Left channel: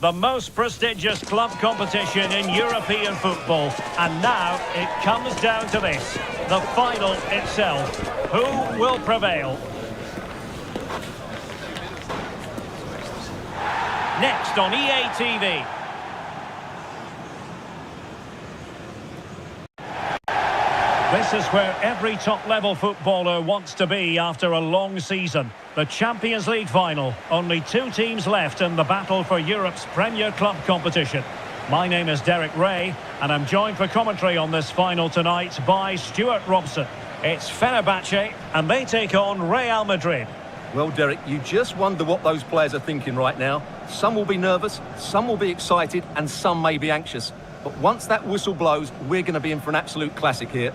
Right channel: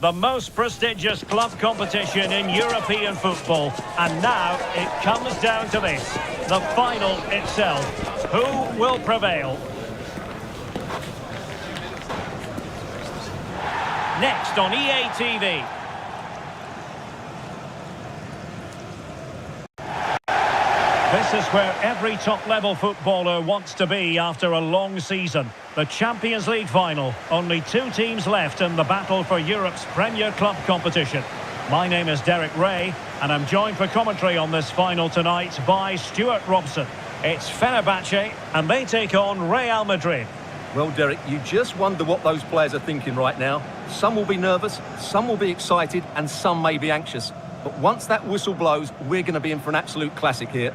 the most prestigious club competition in European football. And now it comes down to this, the final itself. Who will prevail? Next on EA TV. This is where every top-level footballer wants to be after a long season. The Champions League final. Only 2 teams left in the battle for Europe's Premier Club competition. My name is Derek Ray, and I'm joined for commentary on this final tonight by Stuart Robson. It's Fenerbahce, and they take on Real Madrid. Well, Derek, you just wonder what those players are thinking right now. Some will be nervous, some will be excited, and some may be anxious. But once that whistle blows, we're going to be in for an absolute classic here.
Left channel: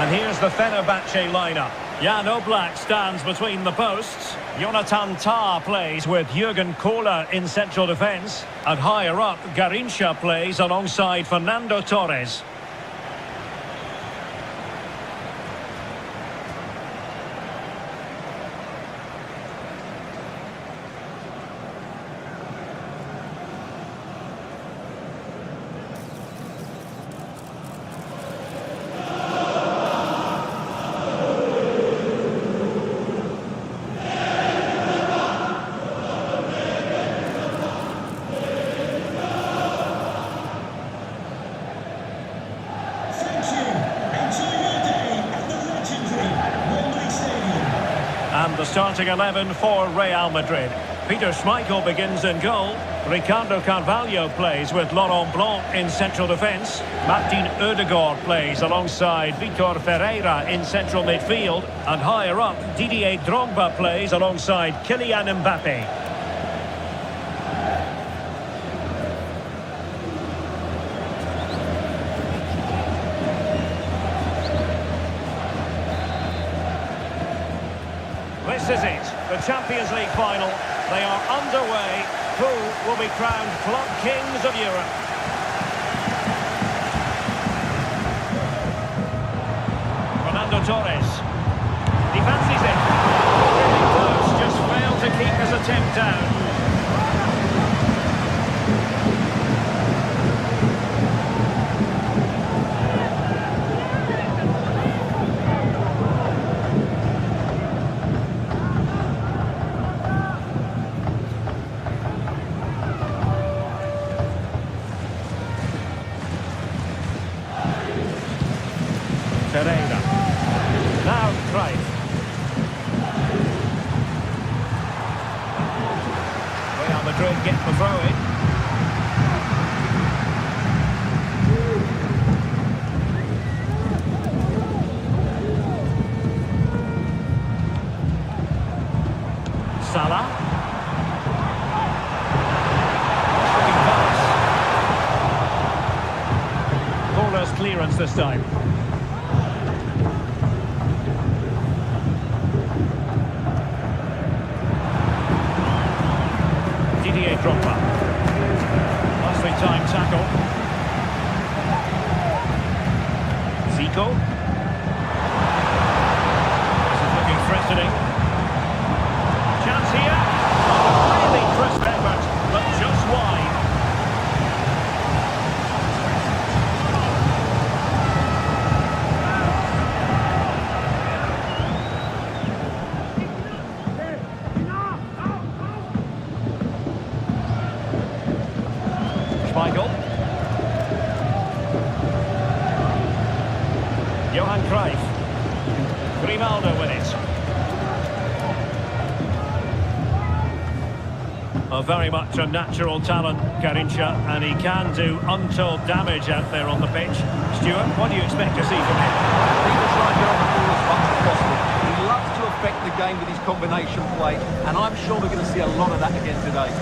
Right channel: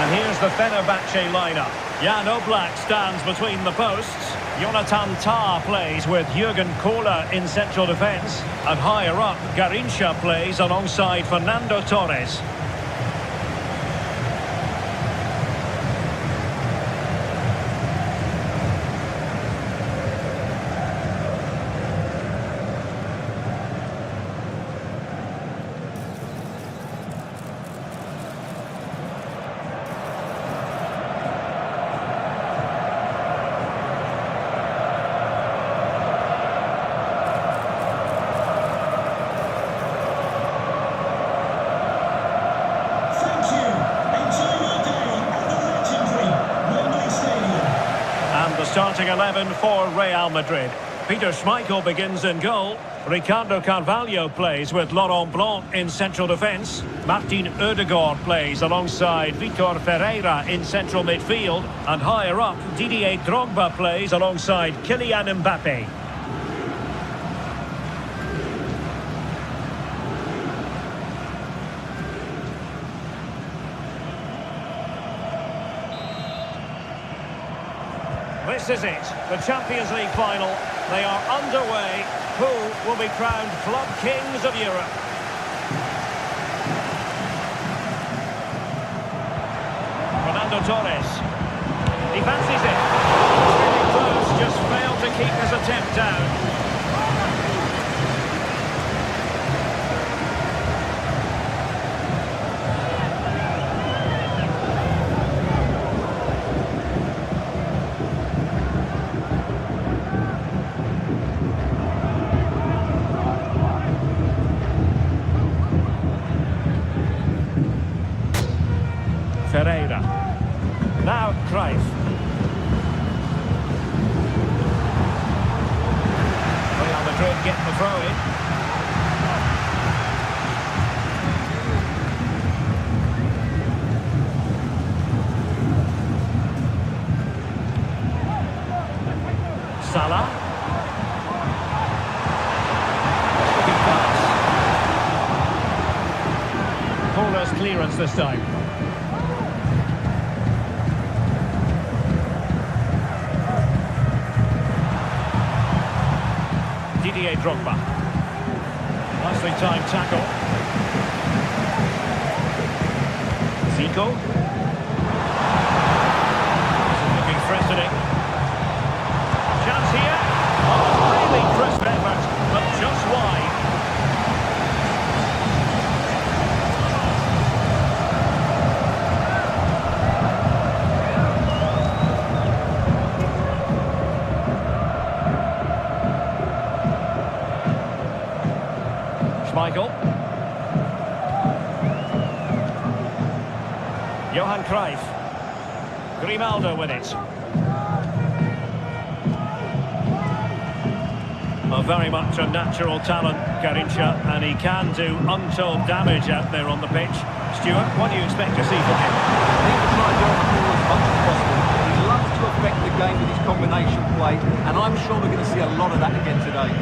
And here's the Fenerbahce lineup. Jan Oblak stands between the posts. Jonathan Tah plays with Jurgen Kohler in central defence. And higher up, Garrincha plays alongside Fernando Torres. And the starting 11 for Real Madrid. Peter Schmeichel begins in goal. Ricardo Carvalho plays with Laurent Blanc in central defence. Martin Ødegaard plays alongside Vitor Ferreira in central midfield. And higher up, Didier Drogba plays alongside Kylian Mbappe. This is it, the Champions League final. They are underway. Who will be crowned Club Kings of Europe? Fernando Torres. He fancies it. Really close, just failed to keep his attempt down. Ferreira. Now Cruyff. Real Madrid get the throw in. Salah. Looking pass. Kohler's clearance this time. Didier Drogba. Nicely timed tackle. Zico. This is looking threatening. Chance here. Oh, really crisp effort, but just wide. Schmeichel. Johan Cruyff. Grimaldo with it. Very much a natural talent, Garincha, and he can do untold damage out there on the pitch. Stuart, what do you expect to see from him? He will try and get on the ball as much as possible. He loves to affect the game with his combination play, and I'm sure we're going to see a lot of that again today.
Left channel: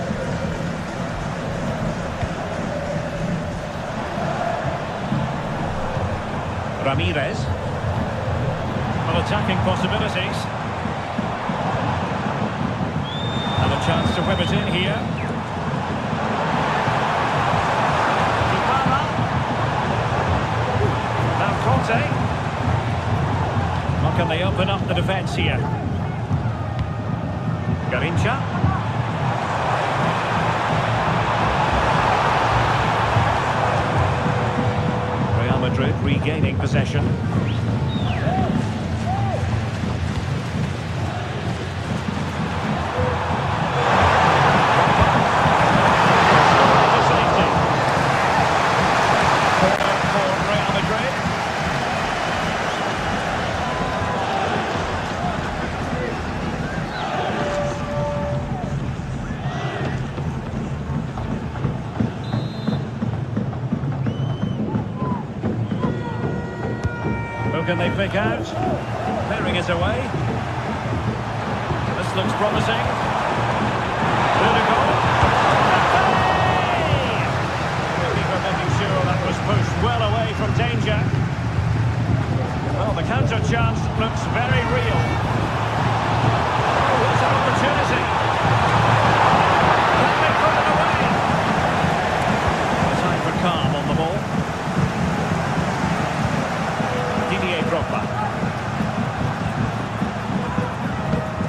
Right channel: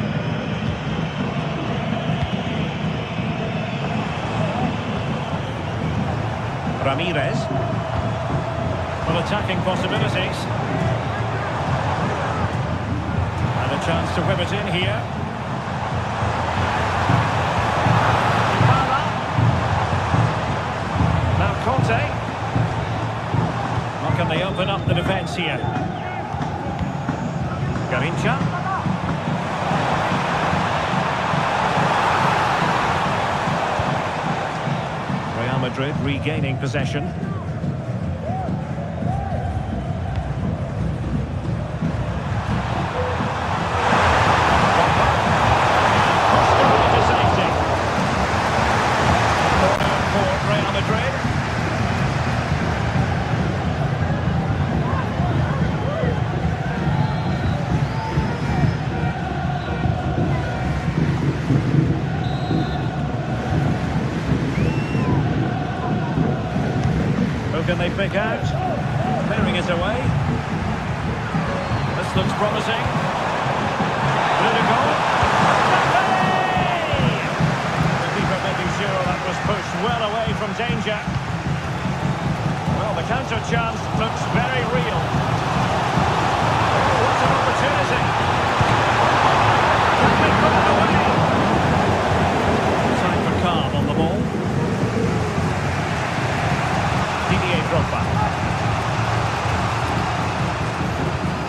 Ramirez. Well, attacking possibilities. And a chance to whip it in here. Dybala. Now Conte. How can they open up the defence here? Garincha. Real Madrid regaining possession. Who can they pick out? Clearing it away. This looks promising. Rudiger. The keeper making sure that was pushed well away from danger. Well, the counter chance looks very real. Oh, what an opportunity. Can they put it away? Time for calm on the ball. Didier Drogba.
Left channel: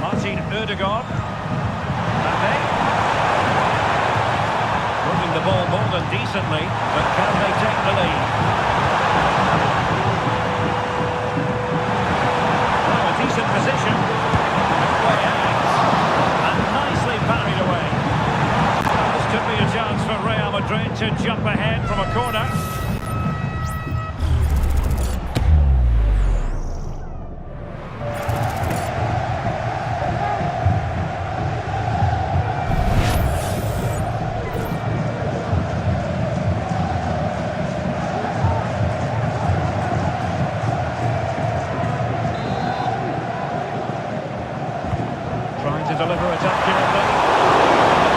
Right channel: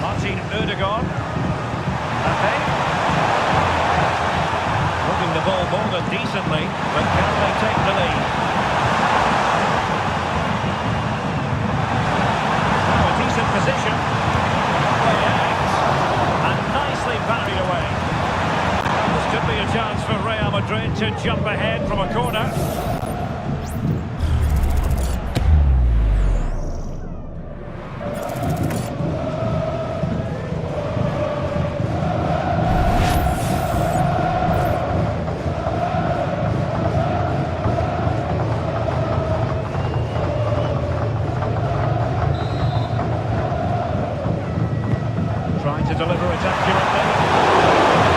Martin Ødegaard. Mbappé. Moving the ball more than decently, but can they take the lead? Now a decent position. Way out. And nicely parried away. Well, this could be a chance for Real Madrid to jump ahead from a corner. Trying to deliver it accurately.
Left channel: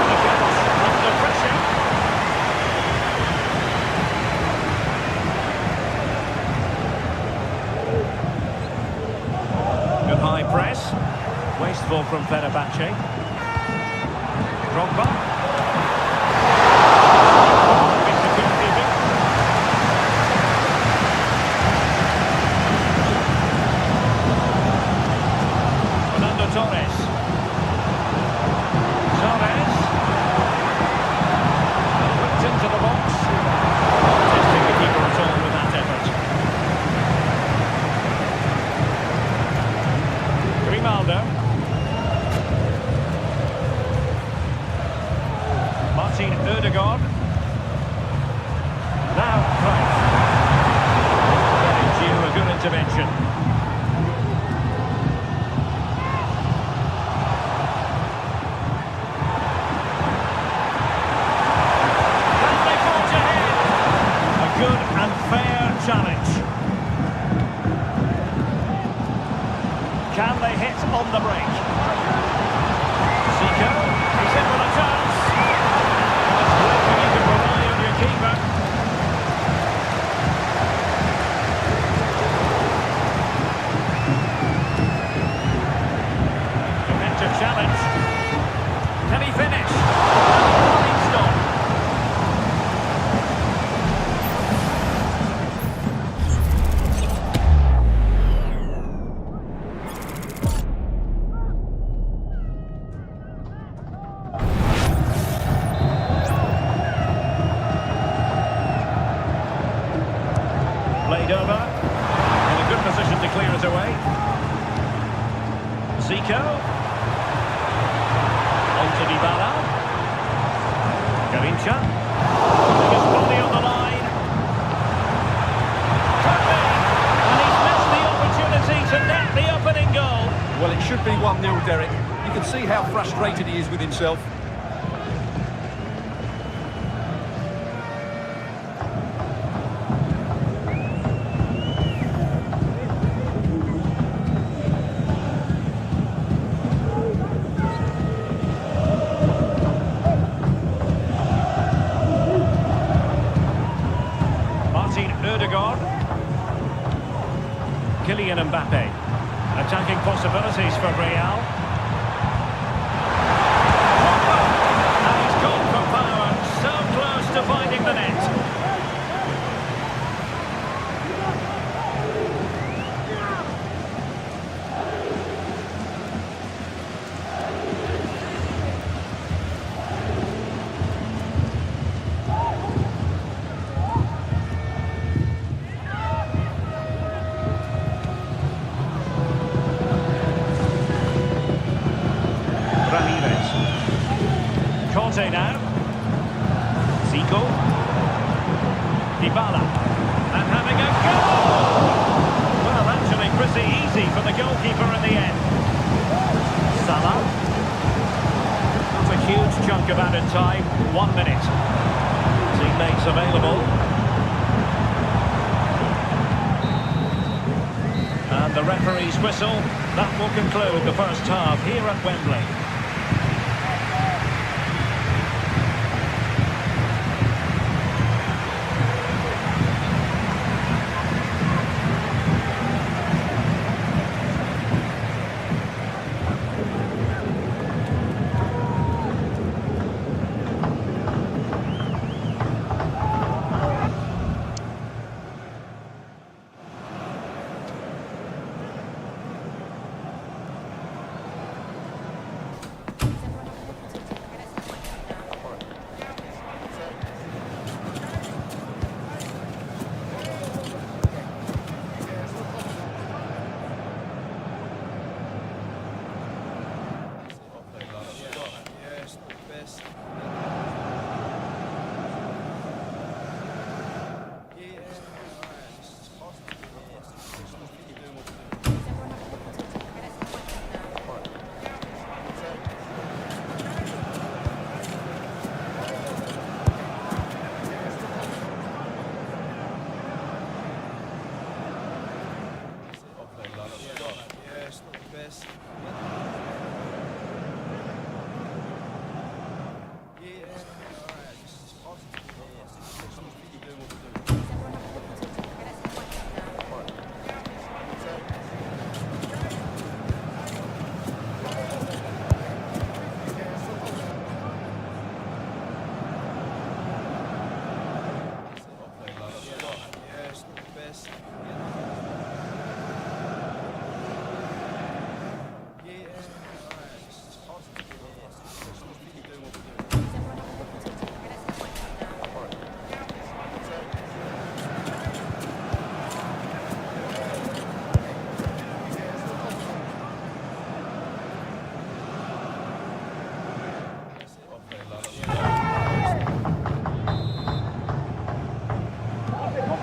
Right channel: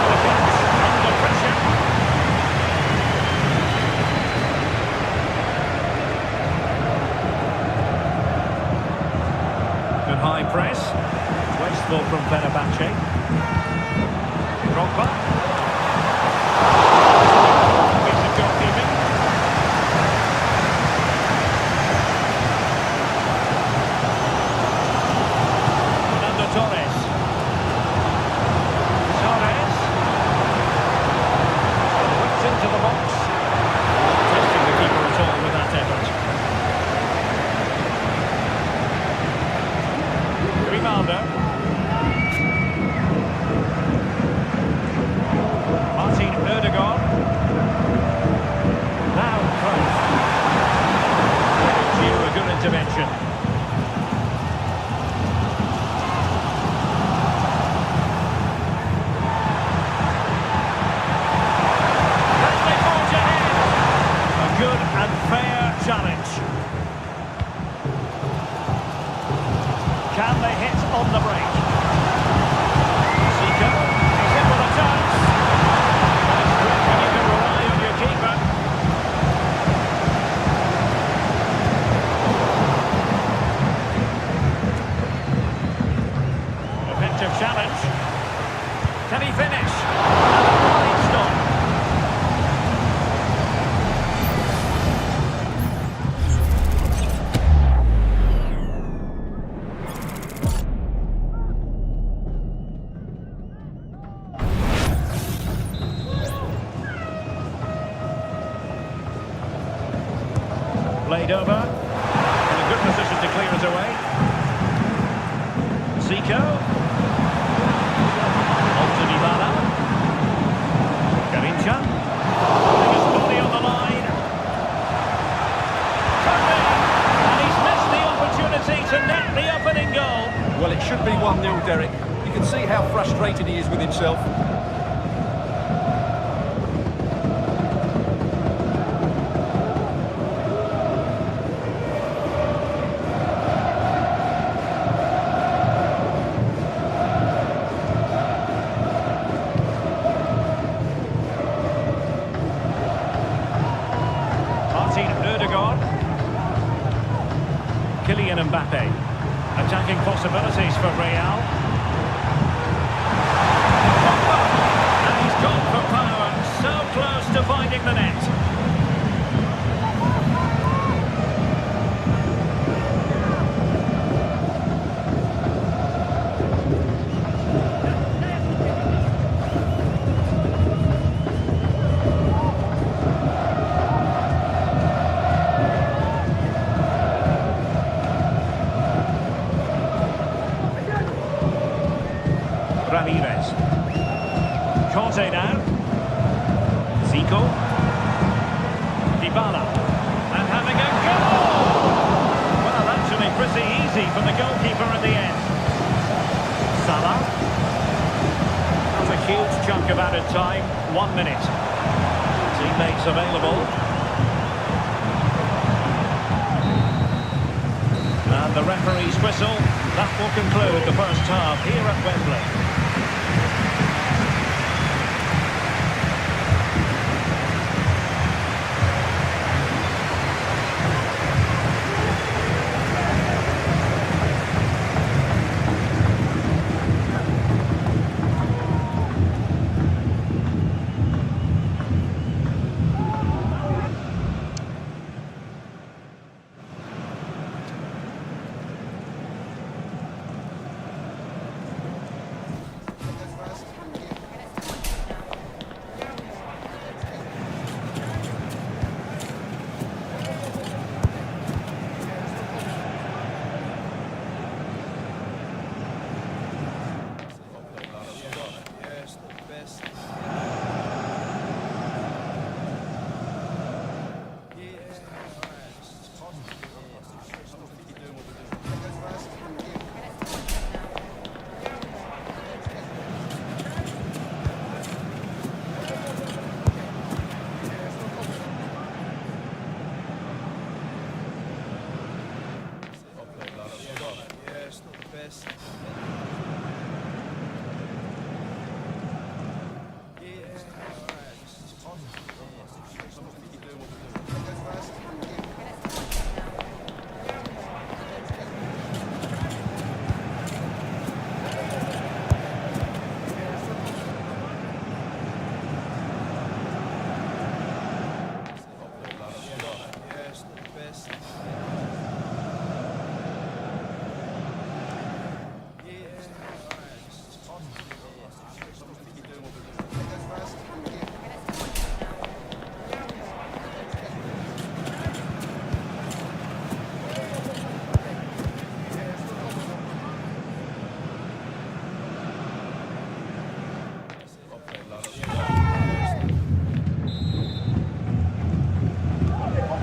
The catch under pressure. Good high press. Wasteful from Fenerbahce. Drogba. Piece of goalkeeping. Fernando Torres. Torres. Whipped into the box. Testing the keeper at all with that effort. Grimaldo. Martin Ødegaard. Now Cruyff. Very due, a good intervention. Good and fair challenge. Can they hit on the break? Zico, he's in with a chance. And it's great when you can rely on your keeper. Effective challenge. Can he finish? And a fine stop. Played over, in a good position to clear it away. Zico. On to Dybala. Garincha. Putting his body on the line. Could be. And he's missed the opportunity to net the opening goal. Well, it should be 1-0, Derek. You can see how frustrated he is with himself. Odegaard. Kylian Mbappe. Attacking possibilities for Real. And he's gone for power. So close to finding the net. Ramirez. Conte now. Zico. Dybala. And having a goal! Well, actually pretty easy for the goalkeeper in the end. Salah. That's a huge chunk of added time. 1 minute. Teammates available. And the referee's whistle. That will conclude the first half here at Wembley.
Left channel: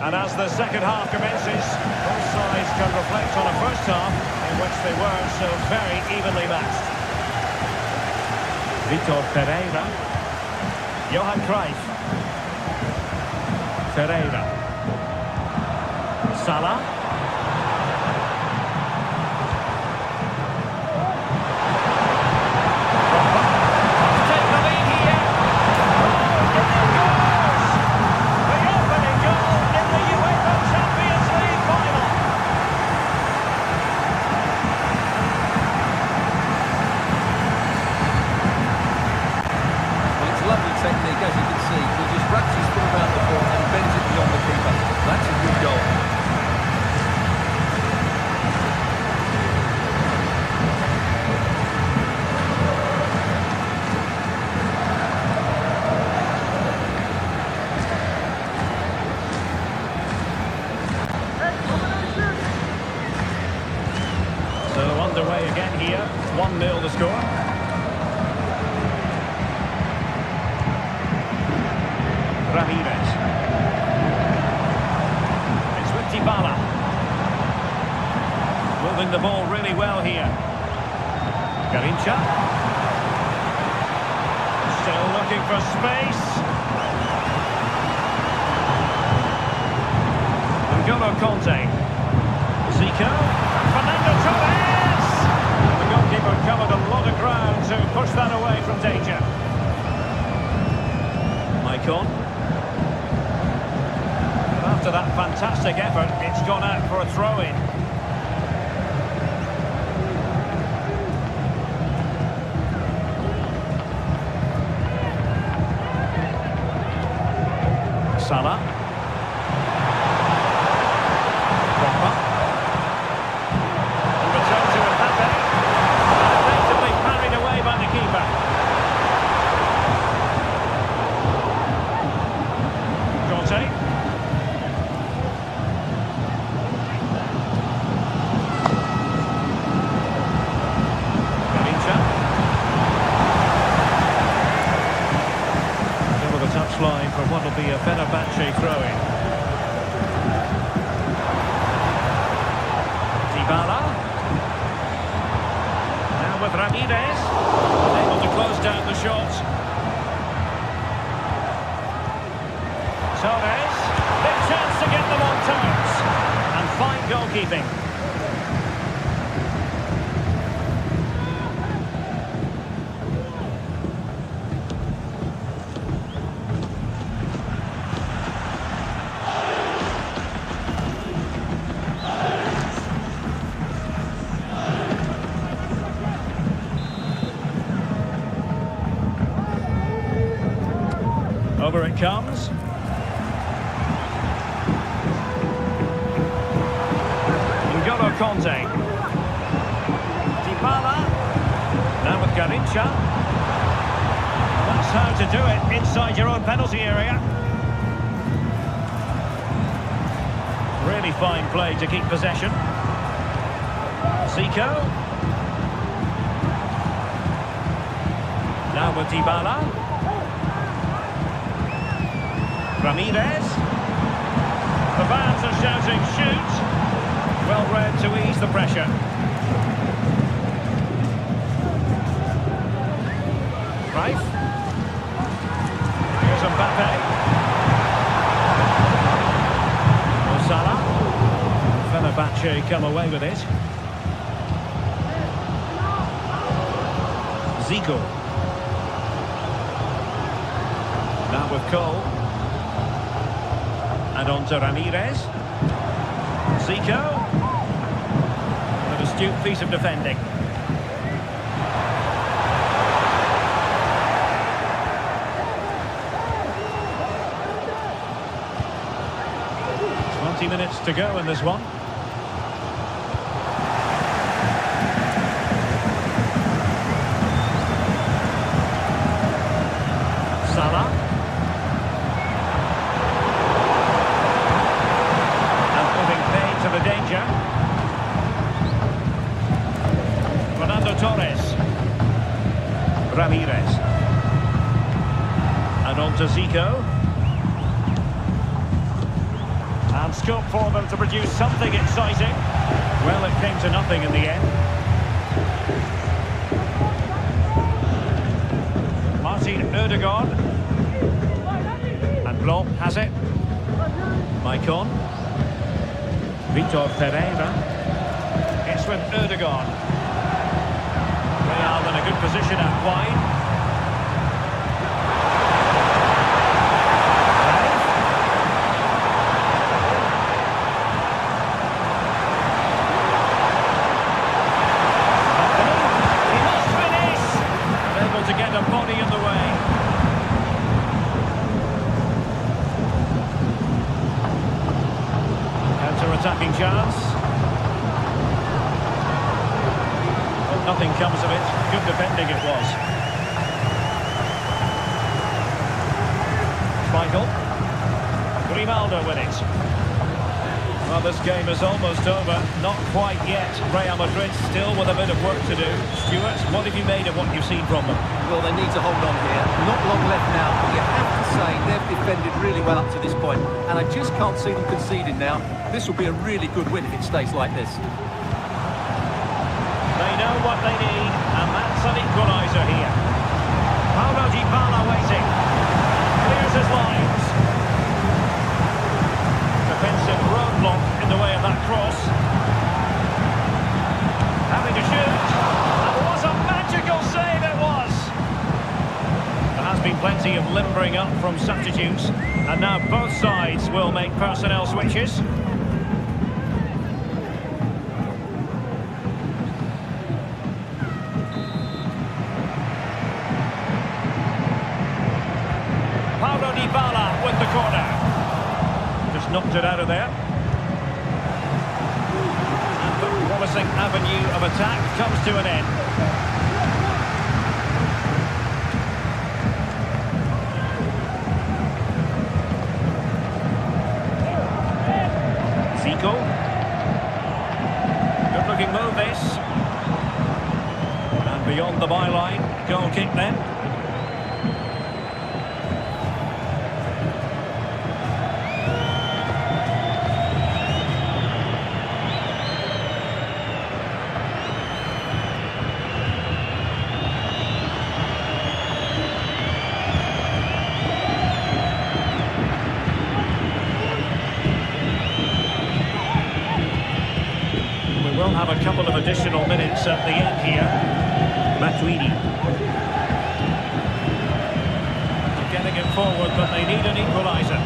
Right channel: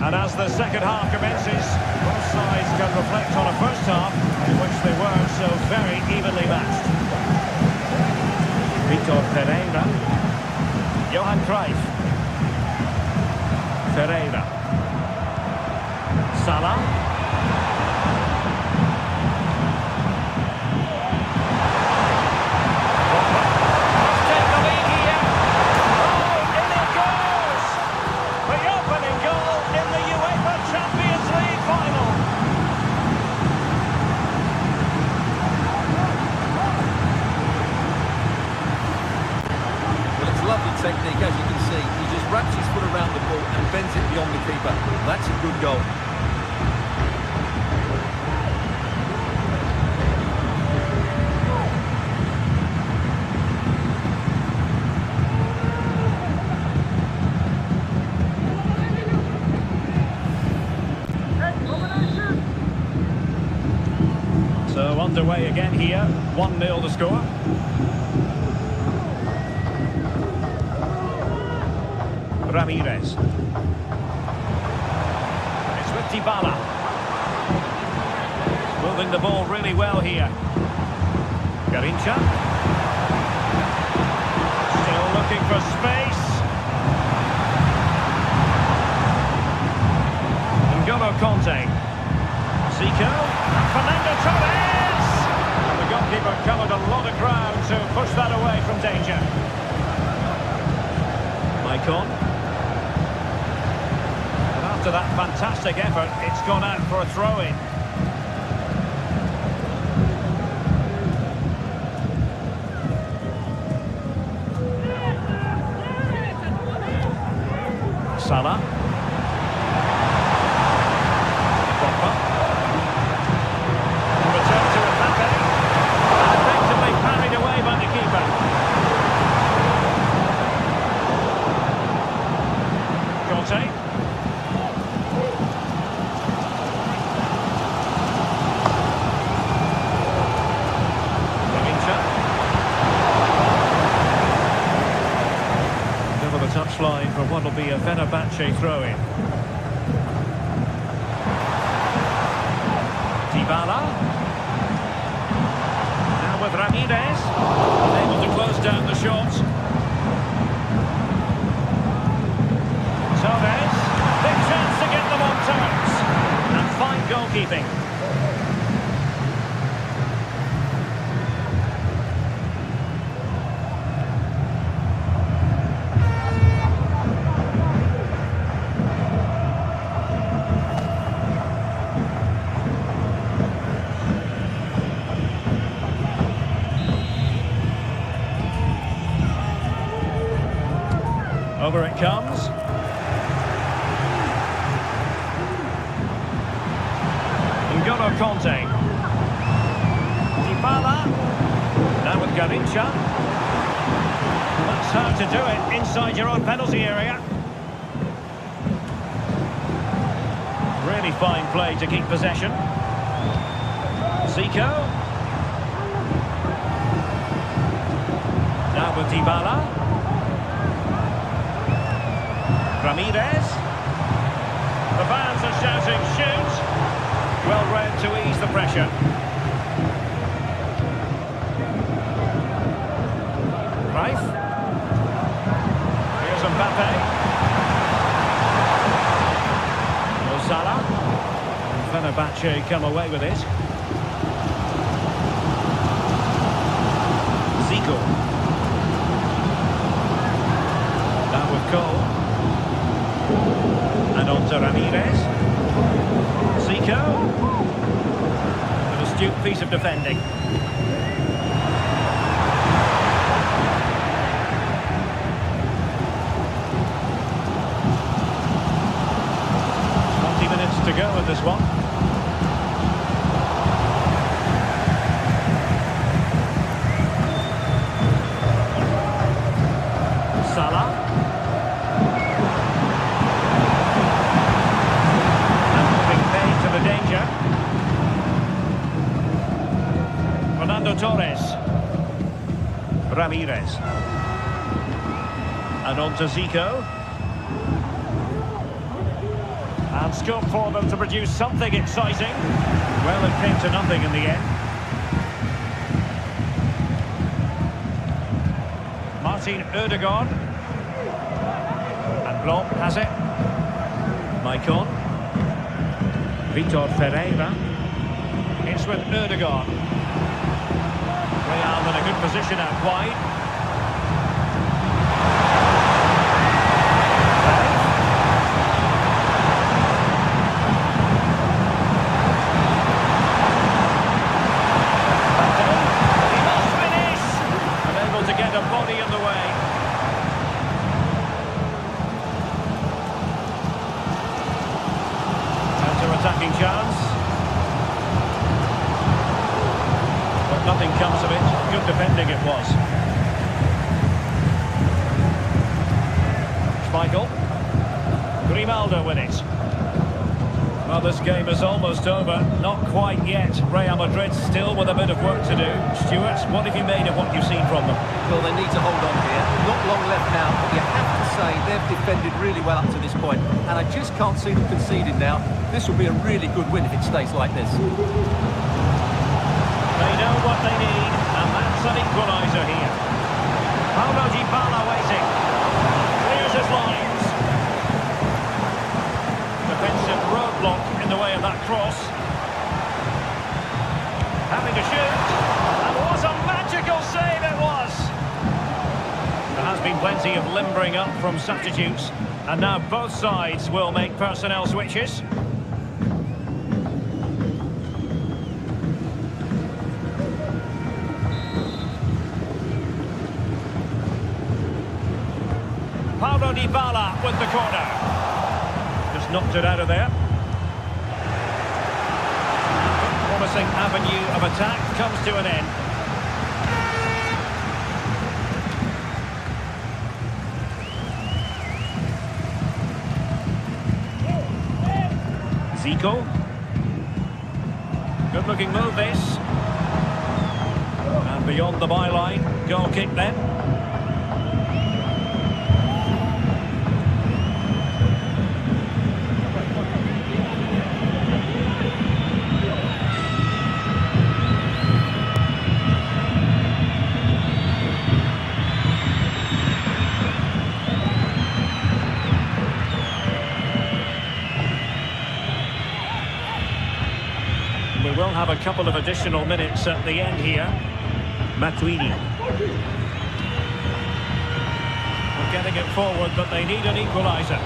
And as the second half commences, both sides can reflect on a first half in which they weren't so very evenly matched. Vitor Pereira. Johan Cruyff. Pereira. Salah. Lovely technique, as you can see. He just wraps his foot around the ball and bends it beyond the keeper. That's a good goal. So underway again here. 1-0 the score. Ramirez. It's with Dybala. Moving the ball really well here. Garrincha. Still looking for space. N'Golo Conte. Zico. Fernando Torres. And the goalkeeper covered a lot of ground to push that away from danger. Maicon. After that fantastic effort, it's gone out for a throw-in. Salah. Drogba. And return to Mbappe. And effectively parried away by the keeper. Conte. The touchline for what will be a Fenerbahce throw-in. Dybala. Now with Ramirez. Unable to close down the shot. Torres. Big chance to get them on terms. And fine goalkeeping. Over it comes. N'Golo Conte. Dybala. Now with Garrincha. That's how to do it inside your own penalty area. Really fine play to keep possession. Zico. Now with Dybala. Ramirez. The fans are shouting, shoot! Well read to ease the pressure. Rife. Here's Mbappe. Salah. Fenerbahce come away with it. Zico. Now with Cole. And on to Ramirez. Zico. An astute piece of defending. Minutes to go in this one. Salah. And moving pain to the danger. Fernando Torres. Ramirez. And on to Zico. And scope for them to produce something exciting. Well, it came to nothing in the end. Martin Ødegaard. And Blob has it. Maicon. Vitor Pereira. It's with Ødegaard. Real in a good position out wide. To get a body in the way. Counter-attacking chance. But nothing comes of it. Good defending it was. Schmeichel. Grimaldo with it. Well, this game is almost over. Not quite yet. Real Madrid still with a bit of work to do. Stuart, what have you made of what you've seen from them? Well, they need to hold on here. Not long left now, but you have to say they've defended really well up to this point. And I just can't see them conceding now. This will be a really good win if it stays like this. They know what they need, and that's an equaliser here. Paulo Dybala waiting. Clears his lines. Defensive roadblock in the way of that cross. Having to shoot. And what a magical save it was! There has been plenty of limbering up from substitutes. And now both sides will make personnel switches. Paulo Dybala with the corner. Just knocked it out of there. And the promising avenue of attack comes to an end. Zico. Good looking move this. And beyond the byline. Goal kick then. We will have a couple of additional minutes at the end here. Matuidi. They're getting it forward, but they need an equaliser.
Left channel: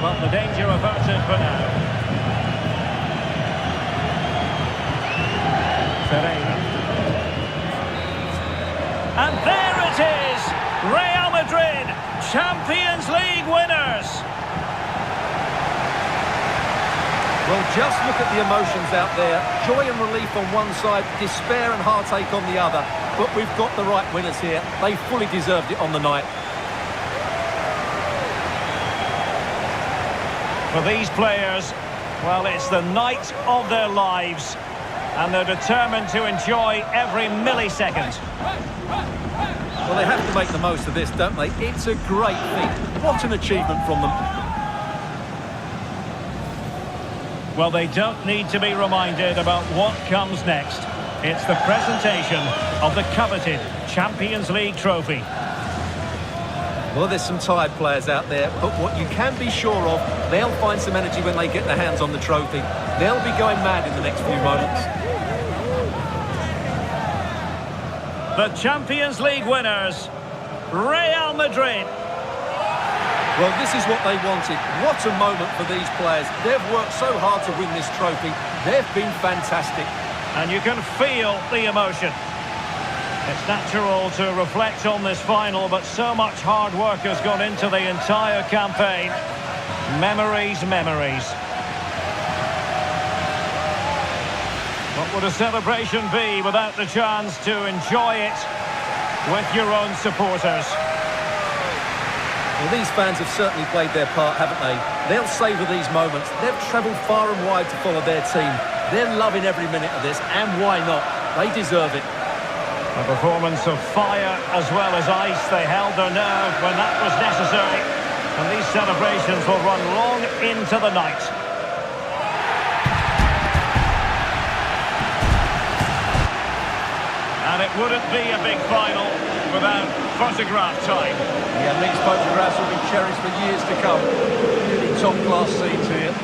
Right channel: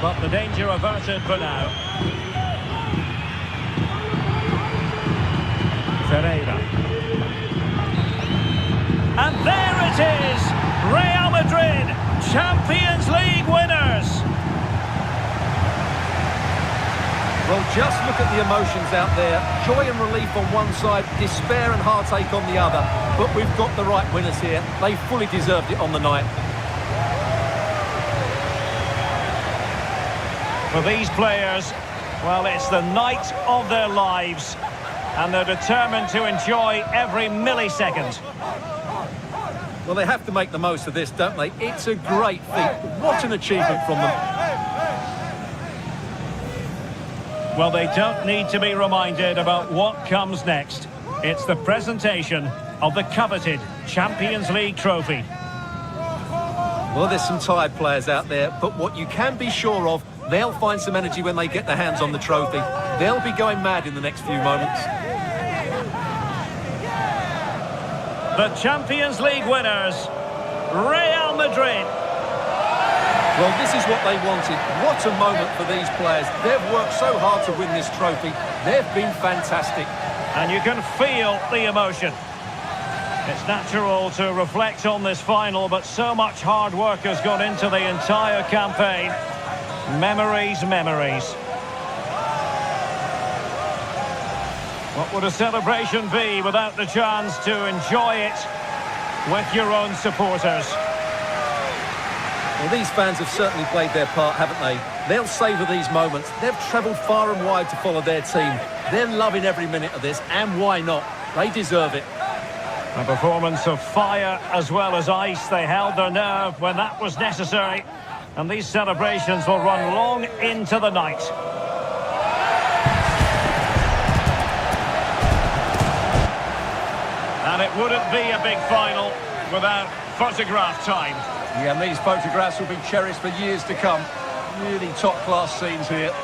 But the danger averted for now. Ferreira. And there it is! Real Madrid, Champions League winners! Well, just look at the emotions out there. Joy and relief on one side, despair and heartache on the other. But we've got the right winners here. They fully deserved it on the night. For these players, well, it's the night of their lives. And they're determined to enjoy every millisecond. Well, they have to make the most of this, don't they? It's a great feat. What an achievement from them. Well, they don't need to be reminded about what comes next. It's the presentation of the coveted Champions League trophy. Well, there's some tired players out there, but what you can be sure of, they'll find some energy when they get their hands on the trophy. They'll be going mad in the next few moments. The Champions League winners, Real Madrid. Well, this is what they wanted. What a moment for these players. They've worked so hard to win this trophy. They've been fantastic. And you can feel the emotion. It's natural to reflect on this final, but so much hard work has gone into the entire campaign. Memories, memories. What would a celebration be without the chance to enjoy it with your own supporters? Well, these fans have certainly played their part, haven't they? They'll savour these moments. They've travelled far and wide to follow their team. They're loving every minute of this, and why not? They deserve it. A performance of fire as well as ice. They held their nerve when that was necessary. And these celebrations will run long into the night. And it wouldn't be a big final without photograph time. Yeah, and these photographs will be cherished for years to come. Really top-class scenes here.